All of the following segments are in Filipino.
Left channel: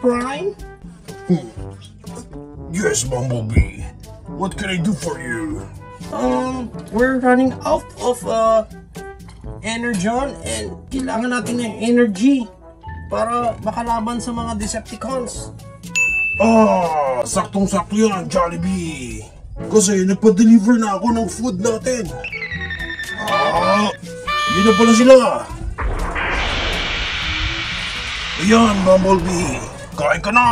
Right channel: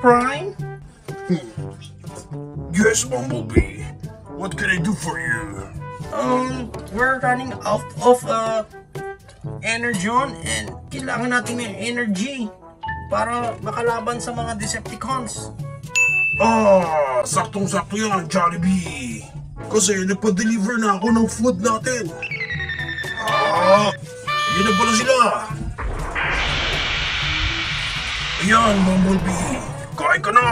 Prime? Yes, Bumblebee. What can I do for you? We're running out of energon and kailangan natin ng energy para makalaban sa mga Decepticons. Saktong-sakto yan, Jollibee. Kasi nagpa-deliver na ako ng food natin. Yun na pala sila. Ayan, Bumblebee. Kain ka na.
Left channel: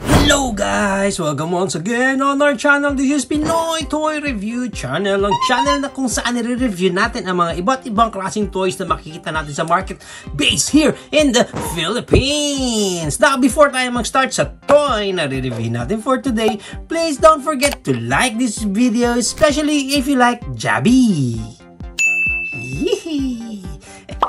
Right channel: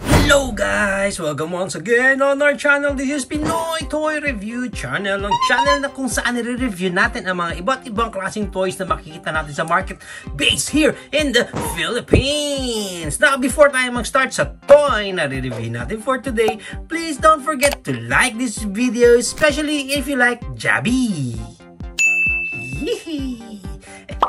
Hello guys! Welcome once again on our channel. This is Pinoy Toy Review Channel. Ang channel na kung saan nire-review natin ang mga iba't ibang klaseng toys na makikita natin sa market based here in the Philippines. Now, before tayo mag-start sa toy na re-review natin for today, please don't forget to like this video, especially if you like Jabi.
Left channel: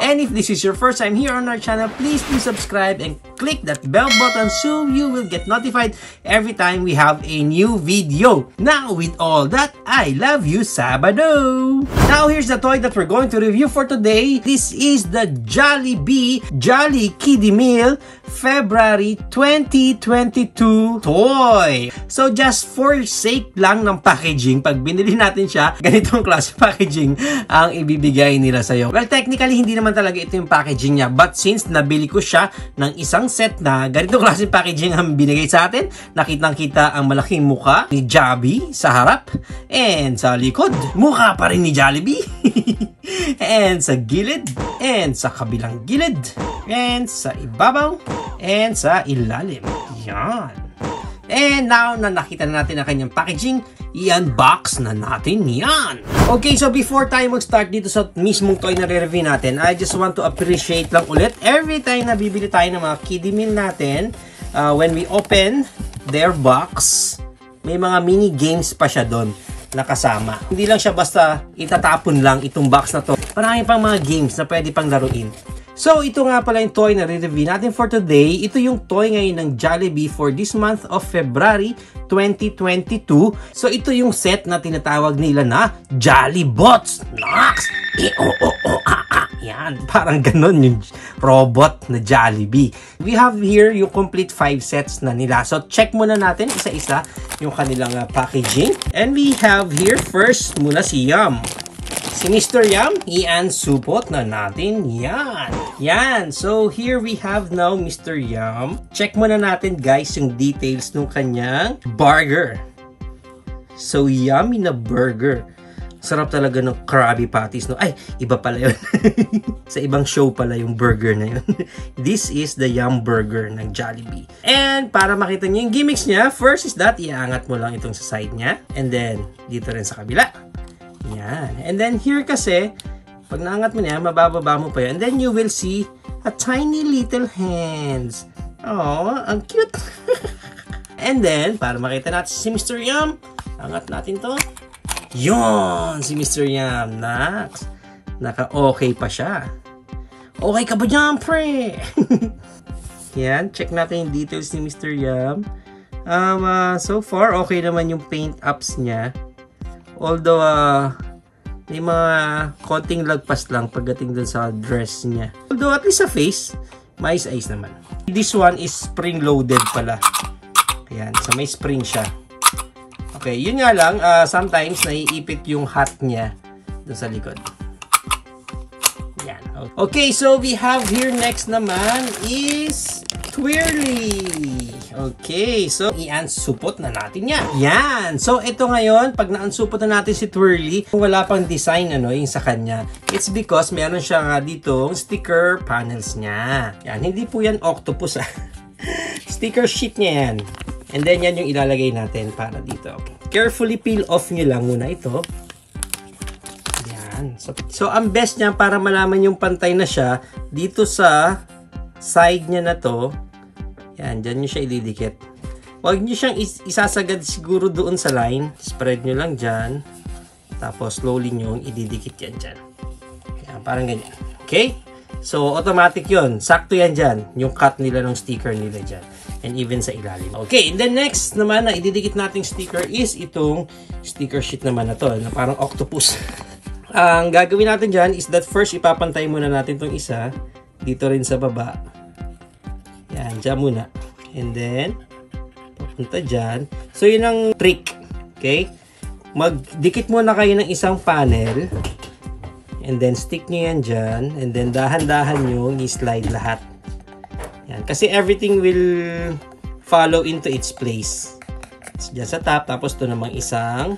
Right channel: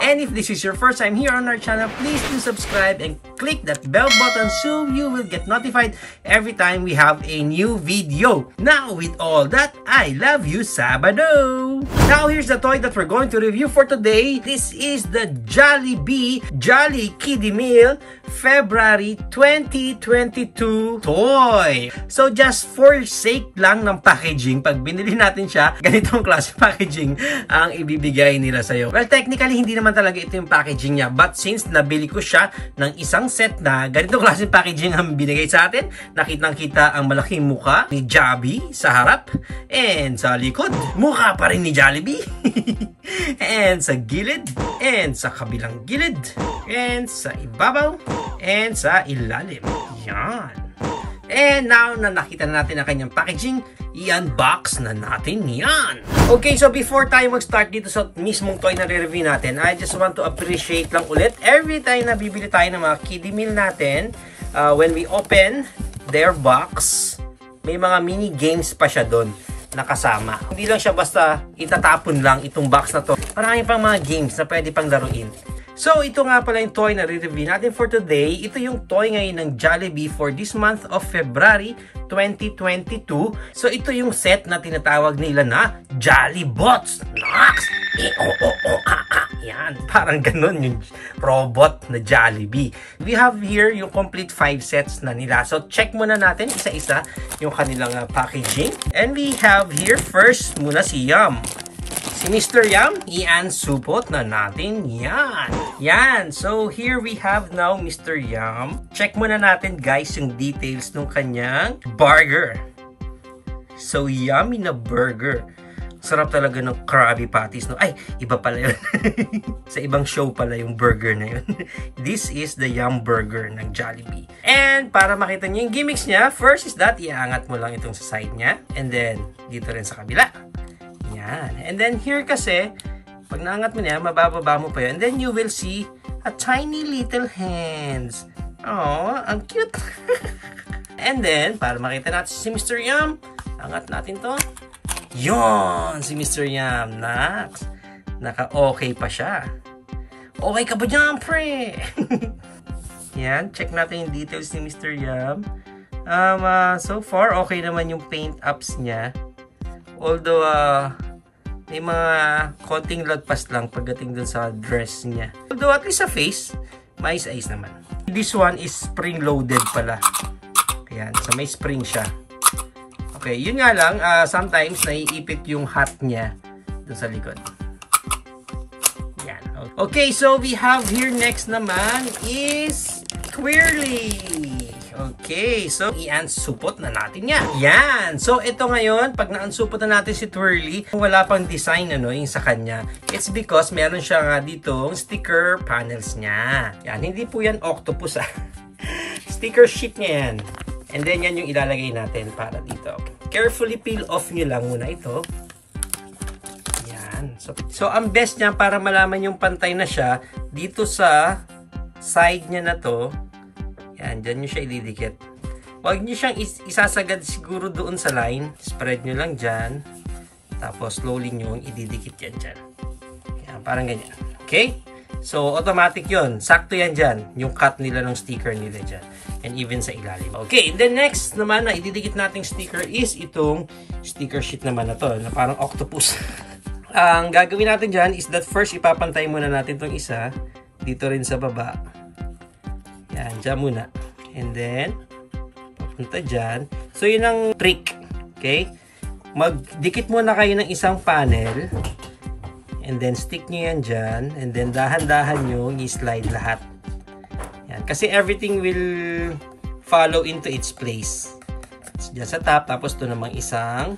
And if this is your first time here on our channel, please do subscribe and click that bell button so you will get notified every time we have a new video. Now, with all that, I love you, Sabado! Now, here's the toy that we're going to review for today. This is the Jollibee Jolly Kiddie Meal February 2022 toy. So, just for sake lang ng packaging, pag binili natin siya, ganitong klase packaging ang ibibigay nila sa'yo. Well, technically, hindi naman talaga ito yung packaging niya. But since nabili ko siya ng isang set na ganitong klaseng packaging ang binigay sa atin, nakitang-kita ang malaking muka ni Jabi sa harap and sa likod, mukha pa rin ni Jollibee and sa gilid and sa kabilang gilid and sa ibabaw and sa ilalim. Yan. And now na nakita na natin ang kanyang packaging, i-unbox na natin yan. Okay, so before tayo mag-start dito sa mismong toy na re-review natin, I just want to appreciate lang ulit every time na bibili tayo ng mga kiddie meal natin, when we open their box, may mga mini games pa siya doon nakasama. Hindi lang siya basta itatapon lang itong box na to. Marami pang mga games na pwede pang laruin. So, ito nga pala yung toy na re-review natin for today. Ito yung toy ngayon ng Jollibee for this month of February 2022. So, ito yung set na tinatawag nila na Jollibots. Nox! Yan, parang ganun yung robot na Jollibee. We have here yung complete 5 sets na nila. So, check muna natin isa-isa yung kanilang packaging. And we have here first muna si Yum. Si Mr. Yum, i-unsupot na natin yan. Yan. So, here we have now Mr. Yum. Check muna natin guys yung details ng kanyang burger. So, yummy na burger. Sarap talaga ng Krabby Patties. No? Ay, iba pala yun. Sa ibang show pala yung burger na yun. This is the Yum Burger ng Jollibee. And para makita niyo yung gimmicks niya, first is that, iangat mo lang itong sa side niya. And then, dito rin sa kabila. Yan. And then here kasi, pag naangat mo niya, mabababa mo pa yun. And then you will see a tiny little hands. Oh, ang cute. And then, para makita natin si Mr. Yum, angat natin to. Yon, si Mr. Yum. Naka-okay pa siya. Okay ka ba dyan, pre? Yan, check natin yung details ni Mr. Yum. So far, okay naman yung paint ups niya. Although, may mga konting lagpas lang pagdating dun sa dress niya. Although, at least sa face, mais-ayos naman. This one is spring-loaded pala. Ayan, so may spring siya. Okay, yun nga lang, sometimes naiipit yung hat niya dun sa likod. Ayan. Okay, so we have here next naman is Twirly. Okay, so i-unsupot na natin yan. Yan. So, ito ngayon, pag na-unsupot na natin si Twirly, wala pang design yung sa kanya. It's because meron siya nga dito sticker panels niya. Yan, hindi po yan octopus Sticker sheet niya yan. And then, yan yung ilalagay natin para dito. Carefully peel off nyo lang muna ito. Yan. So, ang best niya para malaman yung pantay na siya, dito sa side niya na to, yan, dyan nyo siya ididikit. Huwag nyo siyang isasagad siguro doon sa line. Spread nyo lang dyan. Tapos, slowly nyo ididikit yan dyan. Yan, parang ganyan. Okay? So, automatic yon. Sakto yan dyan. Yung cut nila ng sticker nila dyan. And even sa ilalim. Okay, and then next naman na ididikit nating sticker is itong sticker sheet naman na to. Na parang octopus. ang gagawin natin dyan is that first ipapantay muna natin tong isa dito rin sa baba. Yan, dyan muna. And then, papunta dyan. So, yun ang trick. Okay? Magdikit muna kayo ng isang panel. And then, stick nyo yan dyan. And then, dahan-dahan nyo i-slide lahat. Yan. Kasi everything will follow into its place. So, dyan sa top. Tapos, ito namang isang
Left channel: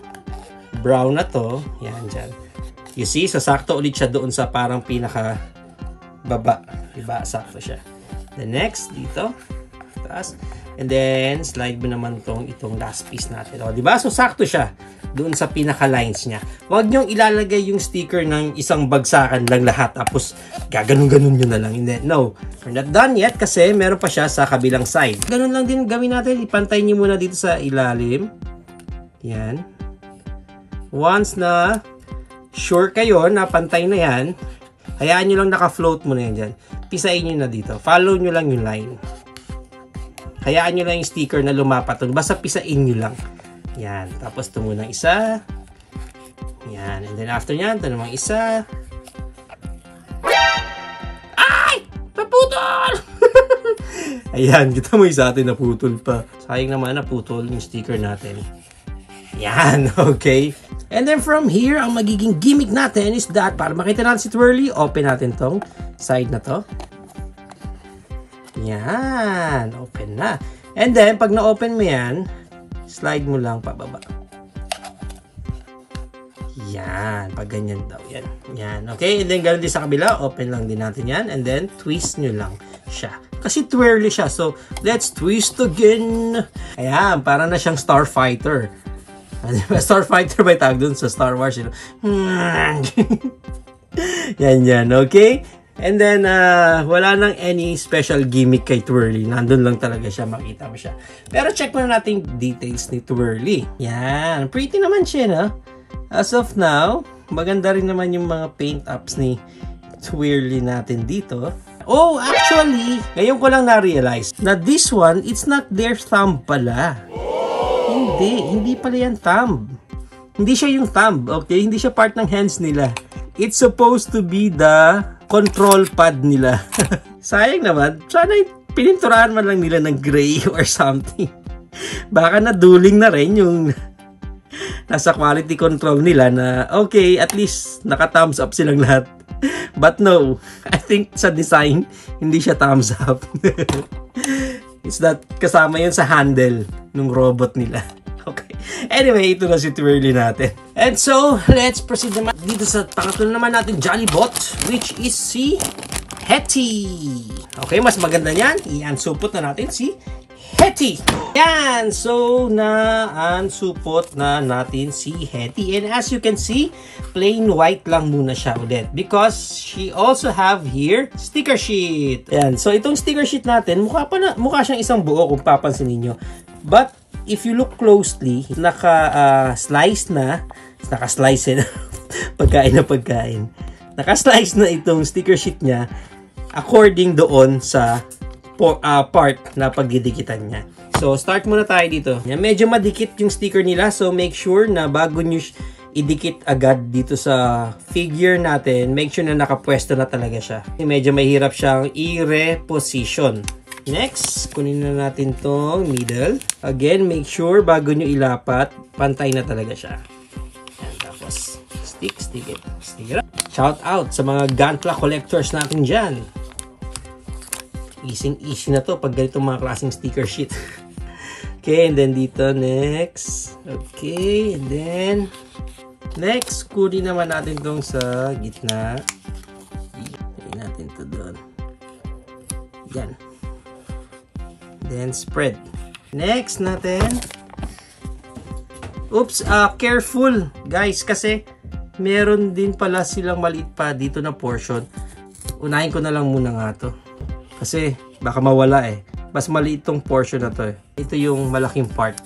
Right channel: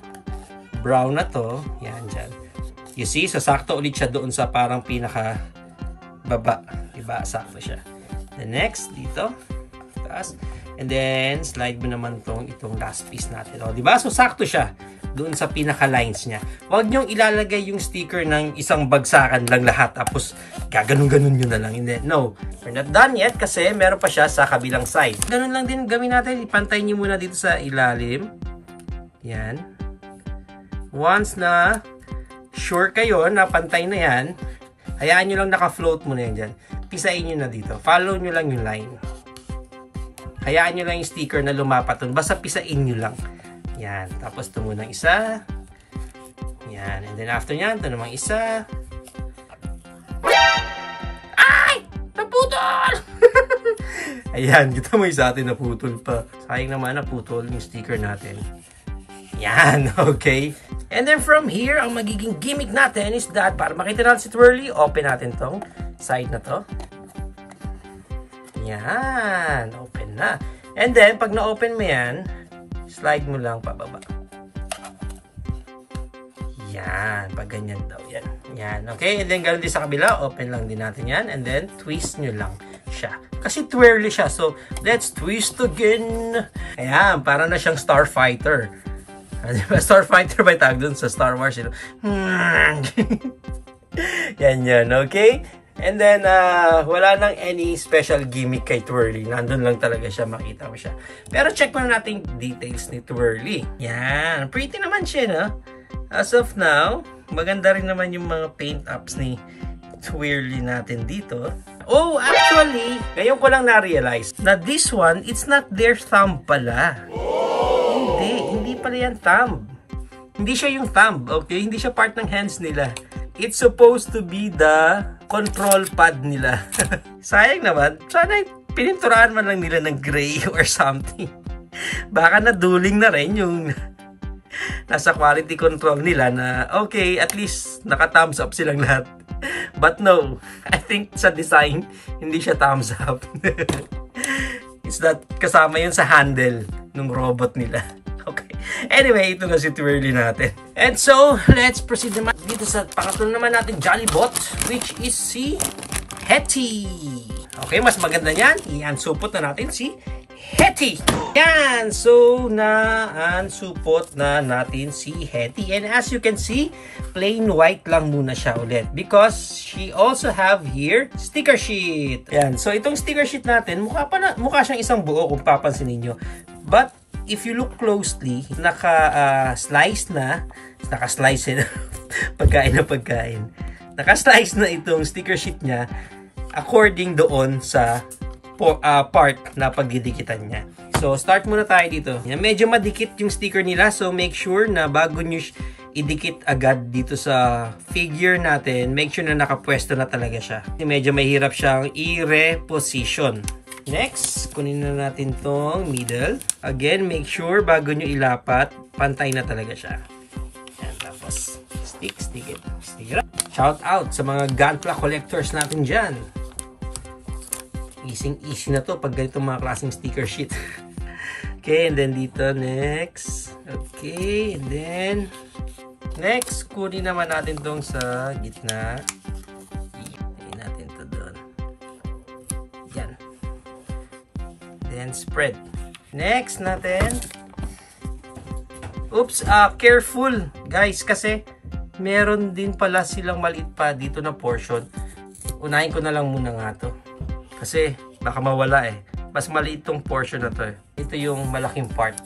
brown na to. Yan, dyan. You see? So, sakto ulit siya doon sa parang pinaka baba. Diba? Sakto siya. The next, dito. Taas. And then, slide mo naman itong last piece natin. O, diba? So, sakto siya doon sa pinaka-lines niya. Huwag niyong ilalagay yung sticker ng isang bagsakan lang lahat. Tapos, gaganon-ganon nyo na lang. Hindi. No. We're not done yet kasi meron pa siya sa kabilang side. Ganun lang din gawin natin. Ipantay niyo muna dito sa ilalim. Yan. Once na sure kayo na pantay na yan, hayaan nyo lang naka-float muna yan dyan. Pisain nyo na dito. Follow nyo lang yung line. Hayaan nyo lang yung sticker na lumapat. Basta pisain nyo lang. Yan. Tapos ito muna isa. Yan. And then after nyan, ito namang isa. Ay! Naputol! Ayan. Kita mo isa atin naputol pa. Sayang naman naputol yung sticker natin. Yan. Okay. And then from here, ang magiging gimmick natin is that para makita natin si Twirly, open natin tong side na to. Yan. Open na. And then, pag na-open mo yan, slide mo lang pababa. Yan. Pag ganyan daw. Yan. Yan. Okay. And then, ganoon din sa kabila. Open lang din natin yan. And then, twist nyo lang siya. Kasi twirly siya. So, let's twist again. Ayan. Para na siyang Starfighter. Starfighter ba tawag dun sa Star Wars? You know? Yan. Yan. Okay. And then, wala nang any special gimmick kay Twirly. Nandun lang talaga siya. Makita mo siya. Pero check muna natin details ni Twirly. Yan. Pretty naman siya, no? As of now, maganda rin naman yung mga paint ups ni Twirly natin dito. Oh, actually, ngayon ko lang na-realize na this one, it's not their thumb pala. Hindi pala yan thumb. Hindi siya yung thumb, okay? Hindi siya part ng hands nila. It's supposed to be the control pad nila. Sayang naman. Sana pininturahan man lang nila ng gray or something. Baka naduling na rin yung nasa quality control nila na okay, at least naka-thumbs up silang lahat. But no, I think sa design, hindi siya thumbs up. It's that kasama yun sa handle ng robot nila. Okay. Anyway, ito na si Twirly natin. And so, let's proceed naman dito sa pangatlo naman natin Jollibot, which is si Hetty. Okay, mas maganda yan. I-unsupot na natin si Hetty. Yan. So, na-unsupot na natin si Hetty. And as you can see, plain white lang muna siya ulit. Because she also have here sticker sheet. Yan. So, itong sticker sheet natin, mukha siyang isang buo kung papansin niyo. But, if you look closely, naka-slice na, naka-slice na, pagkain na pagkain. Naka-slice na itong sticker sheet niya according doon sa part na pagdidikitan niya. So, start muna tayo dito. Yan, medyo madikit yung sticker nila. So, make sure na bago nyo idikit agad dito sa figure natin, make sure na nakapwesto na talaga siya. Medyo mahirap siyang i-reposition. Next, kunin na natin tong middle. Again, make sure bago nyo ilapat, pantay na talaga siya. Yan, tapos, stick it. Shout out sa mga Gunpla collectors natin dyan. Easy na to pag ganitong mga klaseng sticker sheet. Okay, and then dito, next. Okay, and then, next, kunin naman natin tong sa gitna. Kunin natin to doon. Yan. Then spread. Next natin. Oops, careful guys kasi meron din pala silang maliit pa dito na portion. Unahin ko na lang muna nga to. Kasi baka mawala eh. Mas maliit tong portion na to eh. Ito yung malaking part.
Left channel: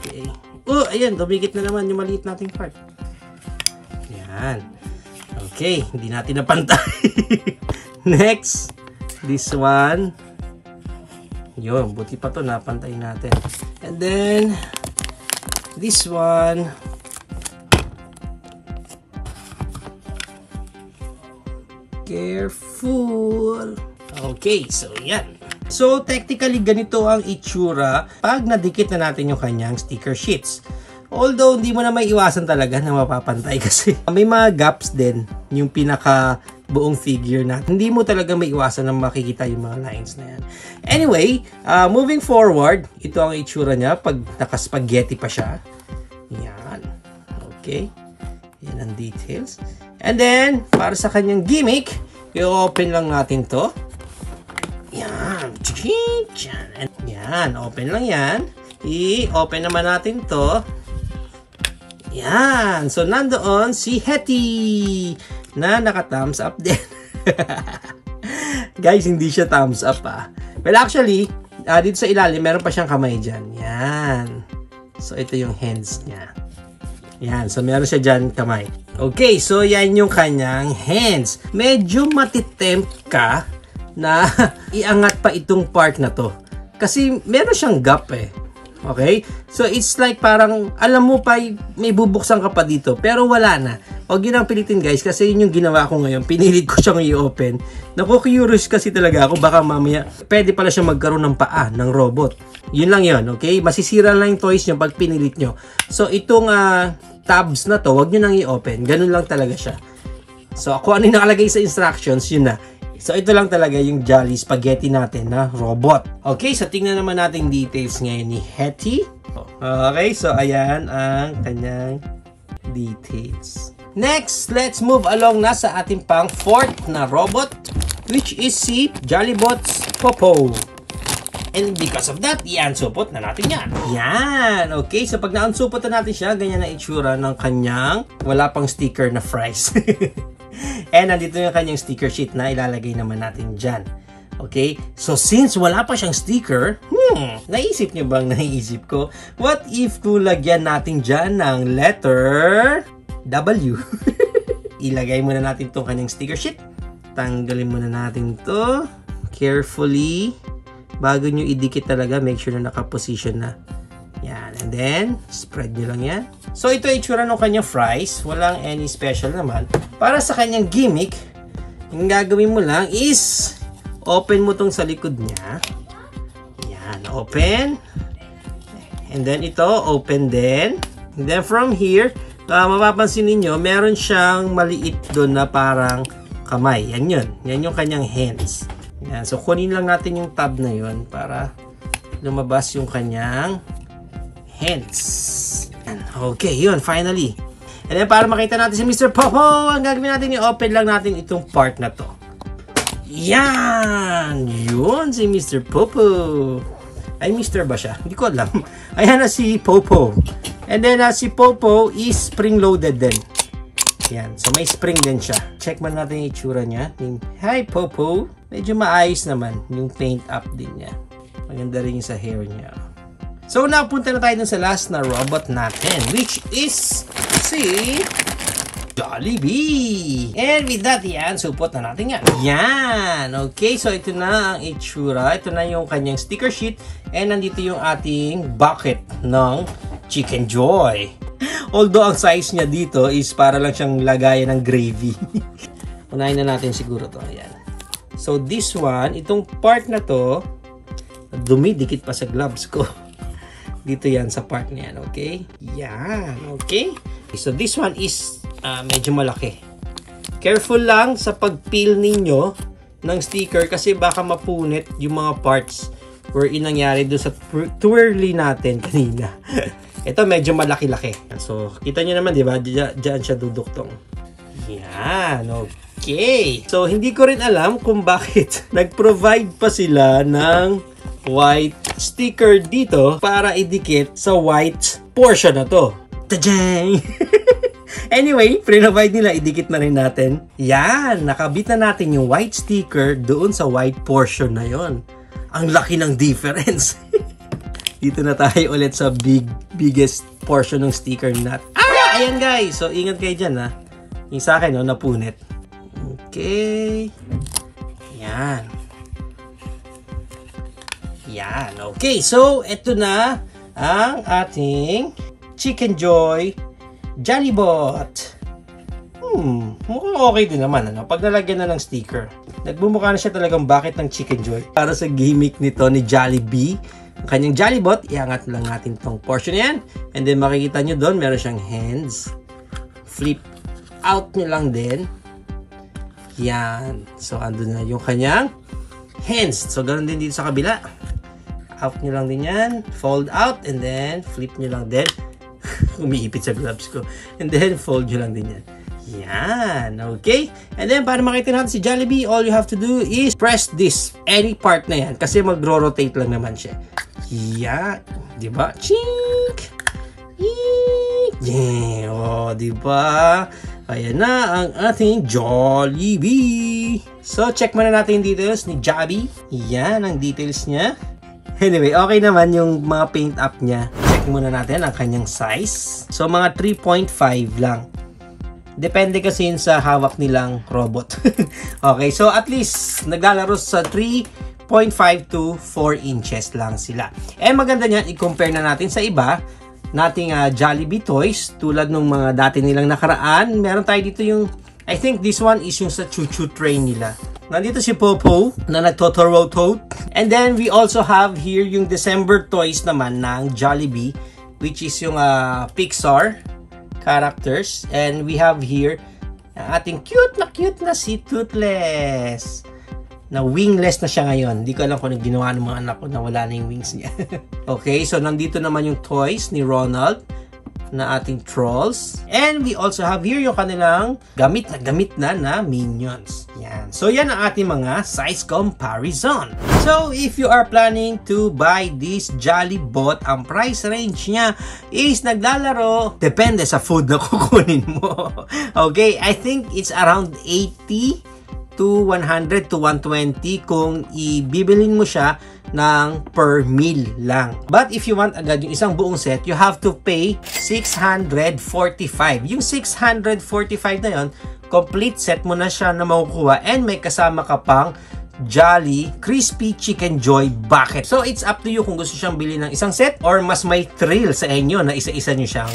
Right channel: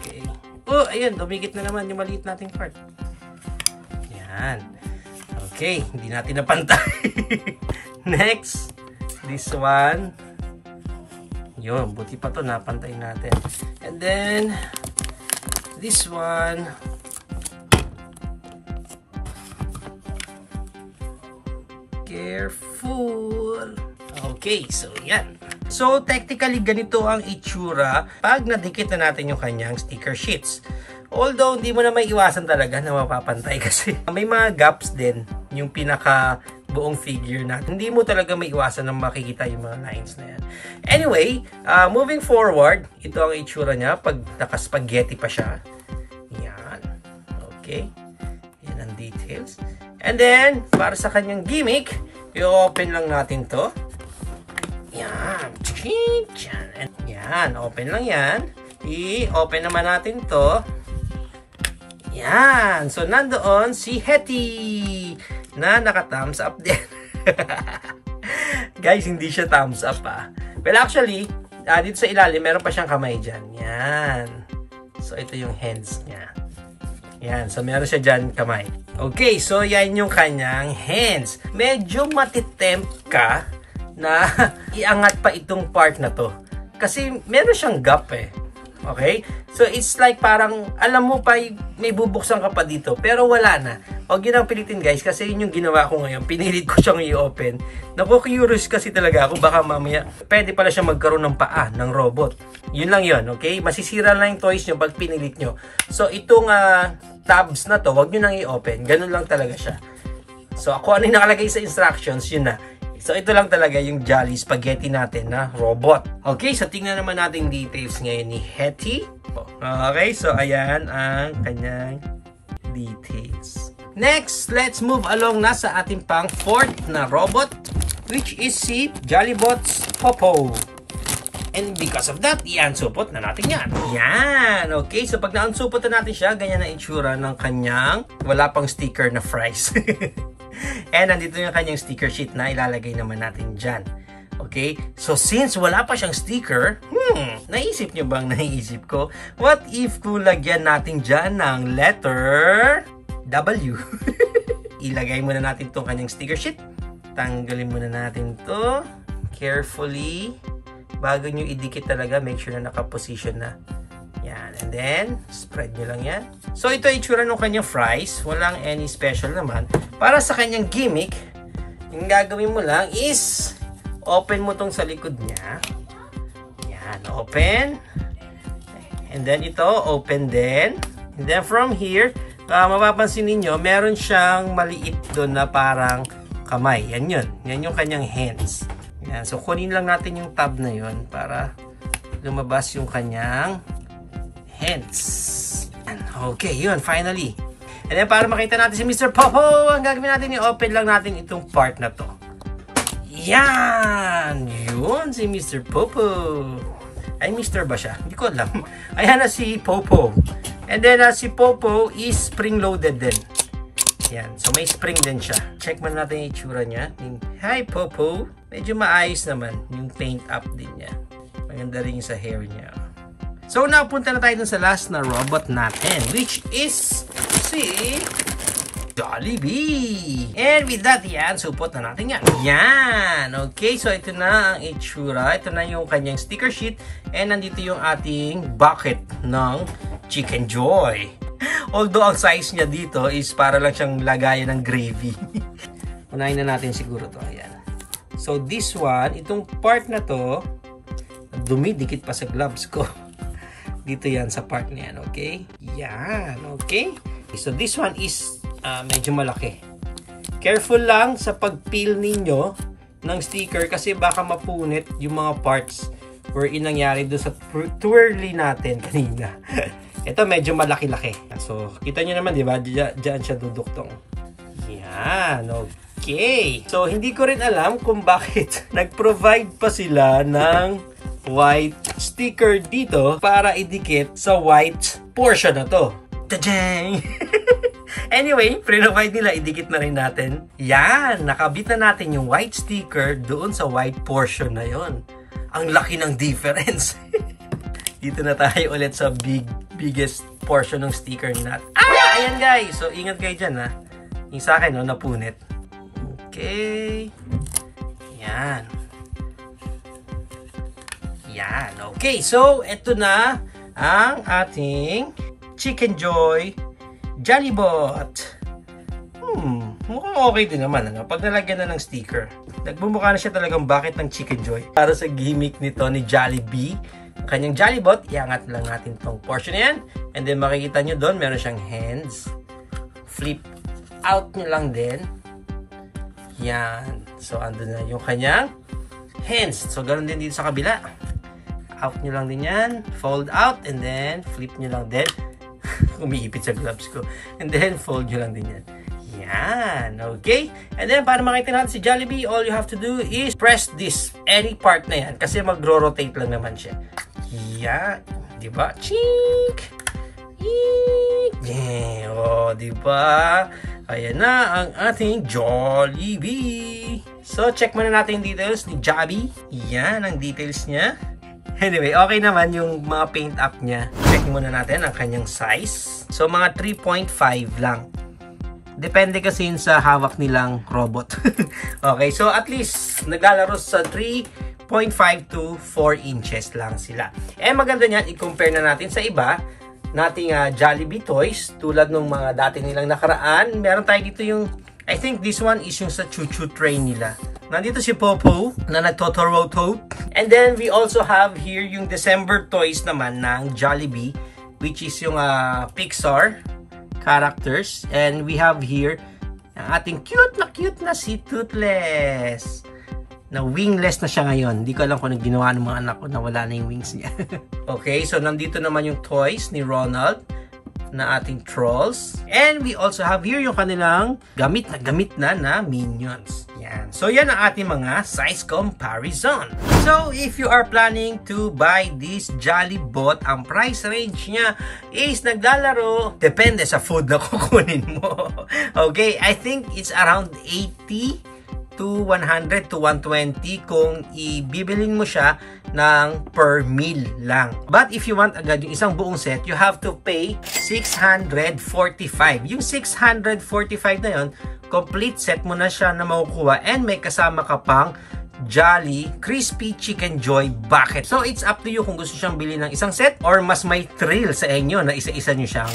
Okay. Oh, ayan, dumikit na naman yung maliit nating part. Yan. Okay, hindi natin napantay. Next, this one. Yun, buti pa to, napantay natin. And then, this one. Careful. Okay, so yan. So, technically, ganito ang itsura pag nadikit na natin yung kanyang sticker sheets. Although, hindi mo na may iwasan talaga na mapapantay kasi may mga gaps din yung pinaka buong figure na. Hindi mo talaga may iwasan na makikita yung mga lines na yan. Anyway, moving forward, ito ang itsura niya pag naka-spaghetti pa siya. Yan. Okay. Yan ang details. And then, para sa kanyang gimmick, i-open lang natin to. Yan. Yan. Open lang yan. I-open naman natin to. Yan. So, nandoon si Hetty na naka-thumbs up din. Guys, hindi siya thumbs up Well, actually, dito sa ilalim, meron pa siyang kamay dyan. Yan. So, ito yung hands niya. Yan. So, meron siya dyan kamay. Okay. So, yan yung kanyang hands. Medyo matitempt ka na iangat pa itong part na to. Kasi meron siyang gap Okay? So, it's like parang, alam mo pa, may bubuksan ka pa dito. Pero wala na. Huwag yun ang pilitin, guys. Kasi yun yung ginawa ko ngayon. Pinilit ko siyang i-open. Naku-curious kasi talaga ako. Baka mamaya, pwede pala siya magkaroon ng paa ng robot. Yun lang yun. Okay? Masisira lang yung toys nyo pag pinilit nyo. So, itong tabs na to, huwag nyo nang i-open. Ganun lang talaga siya. So, kung ano yung nakalagay sa instructions, yun na. So, ito lang talaga yung Jolly Spaghetti natin na robot. Okay, so tingnan naman natin details ngayon ni Hetty. Okay, so ayan ang kanyang details. Next, let's move along na sa ating pang fourth na robot, which is si Jollybots Popo. And because of that, i-unsupot na natin yan. Yan! Okay, so pag na-unsupot na natin siya, ganyan na itsura ng kanyang wala pang sticker na fries. And nandito yung kanyang sticker sheet na ilalagay naman natin dyan. Okay? So, since wala pa siyang sticker, naisip nyo bang naiisip ko? What if kung lagyan natin dyan ng letter W? Ilagay muna natin itong kanyang sticker sheet. Tanggalin muna natin to carefully. Bago nyo idikit talaga, make sure na nakaposition na. Yan. And then, spread nyo lang yan. So, ito yung itsura ng kanyang fries. Walang any special naman. Para sa kanyang gimmick, yung gagawin mo lang is open mo tong sa likod niya. Yan. Open. And then, ito, open din. And then, from here, mapapansin ninyo, meron siyang maliit doon na parang kamay. Yan yun. Yan yung kanyang hands. Yan. So, kunin lang natin yung tab na yun para lumabas yung kanyang hands. Okay, yun. Finally. And then, para makita natin si Mr. Popo, ang gagawin natin, i-open lang natin itong part na to. Yan! Yun, si Mr. Popo. Ay, Mr. ba siya? Hindi ko alam. Ayan na si Popo. And then, si Popo is spring-loaded din. Yan. So, may spring din siya. Check man natin yung itsura niya. Hi, Popo. Medyo maayos naman yung paint up din niya. Maganda rin yung sa hair niya. So, napunta na tayo dun sa last na robot natin, which is si Jollibee. And with that, yan, supot na natin yan. Yan! Okay, so ito na ang itsura. Ito na yung kanyang sticker sheet. And nandito yung ating bucket ng Chicken Joy. Although, ang size niya dito is para lang siyang lagayan ng gravy. Unahin na natin siguro to. Ayan. So, this one, itong part na to, dumidikit pa sa gloves ko. Dito yan sa part na yan, okay? Yan, okay? So, this one is medyo malaki. Careful lang sa pag-peel ninyo ng sticker kasi baka mapunit yung mga parts wherein nangyari doon sa twirly natin kanina. Ito medyo malaki-laki. So, kita nyo naman, di ba? Diyan siya duduktong. Yan, okay. So, hindi ko rin alam kung bakit nag-provide pa sila ng white sticker dito para idikit sa white portion na to. Tajang! Anyway, pre-provide nila, idikit na rin natin. Yan, nakabit na natin yung white sticker doon sa white portion na yon. Ang laki ng difference. Dito na tayo ulit sa biggest portion ng sticker nut. Ayan guys, so ingat kayo dyan ha. Yung sa akin, no, napunit. Okay. Yan. Yan. Okay, so ito na ang ating Chicken Joy Jollybot. mukhang okay din naman, ano? Pag nalagyan na ng sticker. Nagbumukha na siya talagang bucket ng Chicken Joy. Para sa gimmick nito ni Jollibee, ang kanyang Jollibot, iangat lang natin tong portion na yan. And then makikita nyo doon, meron siyang hands. Flip out nyo lang din. Yan. So, andun na yung kanyang hands. So, ganoon din dito sa kabila. Out nyo lang din yan. Fold out. And then, flip nyo lang din. Umiipit sa gloves ko. And then, fold nyo lang din yan. Yan. Okay? And then, para makita natin si Jollibee, all you have to do is press this. Any part na yan. Kasi mag-rotate lang naman siya. Yan. Diba? Chink! Yeah. Oh, diba? Ayan na ang ating Jollibee. So, check muna natin yung details ni Jollibee. Yan ang details niya. Anyway, okay naman yung mga paint up niya. Check muna natin ang kanyang size. So, mga 3.5 lang. Depende kasi yun sa hawak nilang robot. Okay, so at least naglalaro sa 3.5 to 4 inches lang sila. And maganda niyan, i-compare na natin sa iba nating Jollibee toys. Tulad nung mga dati nilang nakaraan. Meron tayo dito yung, I think this one is yung sa choo-choo train nila. Nandito si Popo na nagtotorotote. And then we also have here yung December toys naman ng Jollibee, which is yung Pixar characters. And we have here ang ating cute na si Toothless. Na wingless na siya ngayon. Hindi ko alam kung anong ginawa ng mga anak ko na wala na yung wings niya. Okay, so nandito naman yung toys ni Ronald na ating trolls. And we also have here yung kanilang gamit na minions. Yan. So yan ang ating mga size comparison. So if you are planning to buy this Jollibot, ang price range niya is naglalaro, depende sa food na kukunin mo. Okay, I think it's around 80 to 100 to 120 kung ibibilin mo siya ng per meal lang. But if you want agad yung isang buong set, you have to pay 645. Yung 645 na yon, complete set mo na siya na makukuha and may kasama ka pang Jolly Crispy Chicken Joy Bucket. So it's up to you kung gusto siyang bilhin ng isang set or mas may thrill sa inyo na isa-isa nyo siyang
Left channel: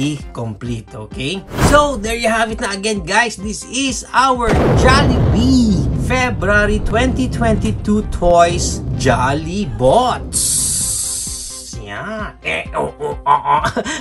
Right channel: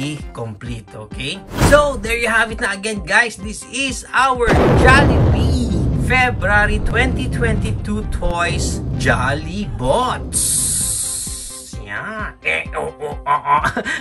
i-complete. Okay? So there you have it na again, guys. This is our Jollibee February 2022 Toys Jollibots. Yeah.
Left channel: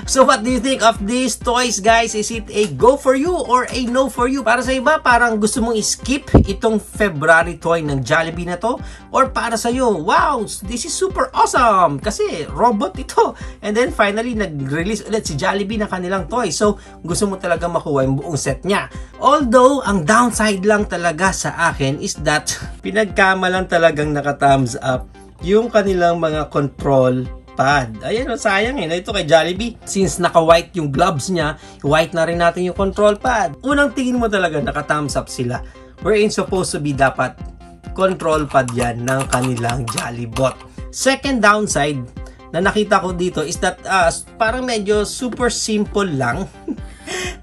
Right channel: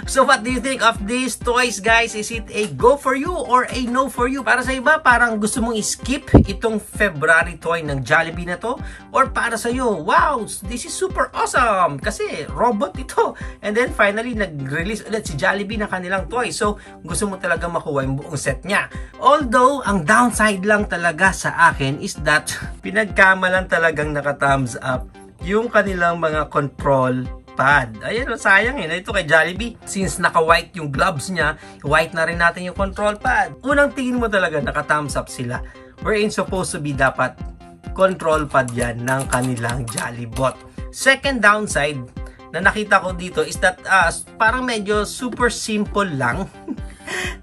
So what do you think of these toys, guys? Is it a go for you or a no for you? Para sa iba, parang gusto mong skip itong February toy ng Jollibee na to? Or para sa iyo, wow, this is super awesome! Kasi robot ito. And then finally, nag-release ulit si Jollibee ng kanilang toy. So, gusto mo talaga makuha yung buong set niya. Although, ang downside lang talaga sa akin is that pinagkamalan talagang naka-thumbs up yung kanilang mga control pad. Ayan, sayang ito kay Jollibee. Since naka-white yung gloves niya, white na rin natin yung control pad. Unang tingin mo talaga naka-thumbs up sila. Wherein supposed to be dapat control pad yan ng kanilang Jollibot. Second downside na nakita ko dito is that parang medyo super simple lang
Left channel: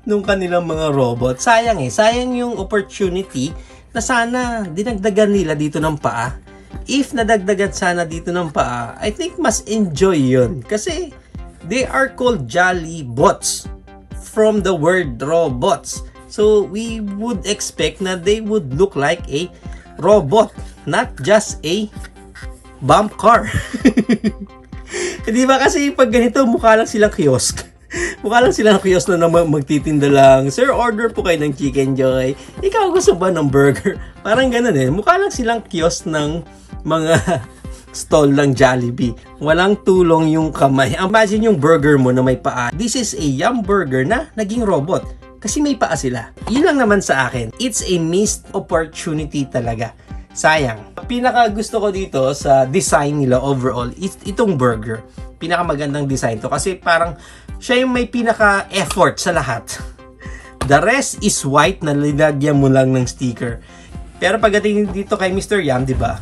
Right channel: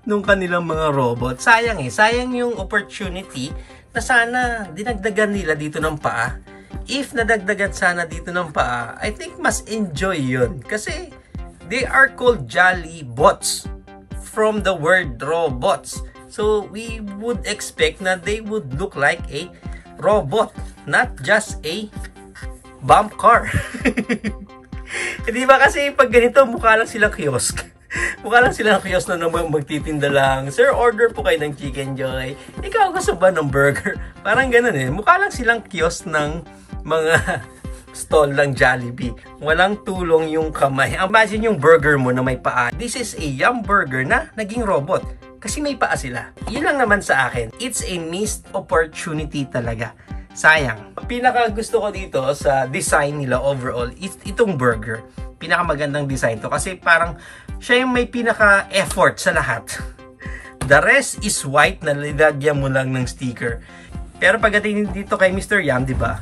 nung kanilang mga robot. Sayang sayang yung opportunity na sana dinagdagan nila dito ng paa. If nadagdagan sana dito ng paa, I think mas enjoy yun. Kasi they are called Jollibots from the word robots. So we would expect na they would look like a robot, not just a bump car. Di ba kasi pag ganito, mukha lang silang kiosk. Mukha lang silang kiosk na magtitinda lang. Sir, order po kayo ng Chicken Joy. Ikaw gusto ba ng burger? Parang ganun Mukha lang silang kiosk ng mga stall ng Jollibee. Walang tulong yung kamay. Imagine yung burger mo na may paa. This is a Yum Burger na naging robot. Kasi may paa sila. Yun lang naman sa akin. It's a missed opportunity talaga. Sayang. Pinaka gusto ko dito sa design nila overall is itong burger. Pinaka magandang design to. Kasi parang siya yung may pinaka effort sa lahat. The rest is white na nilagyan mo lang ng sticker. Pero pagdating dito kay Mr. Yum, di ba?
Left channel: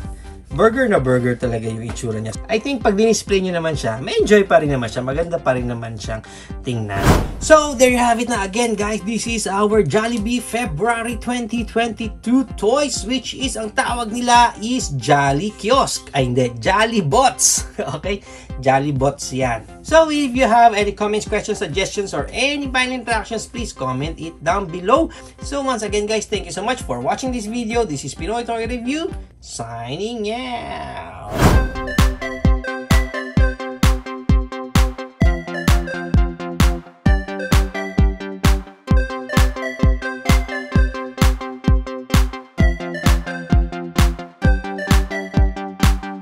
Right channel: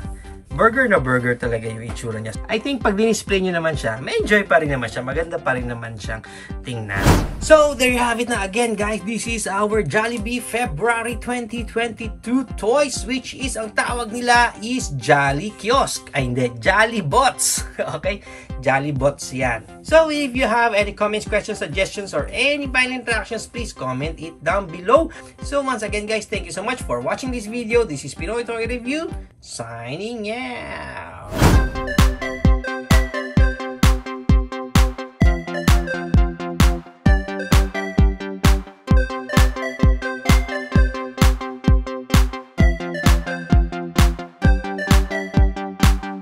Burger na burger talaga yung itsura niya. I think pag dinisplay nyo naman siya, may enjoy pa rin naman siya. Maganda pa rin naman siyang tingnan. So, there you have it na again, guys. This is our Jollibee February 2022 toys, which is, ang tawag nila is Jolly Kiosk. Ay, hindi. Jollibots. Okay? Jollybots yan. So if you have any comments, questions, suggestions, or any final interactions, please comment it down below. So once again guys, thank you so much for watching this video. This is Pinoy Toy Review, signing out.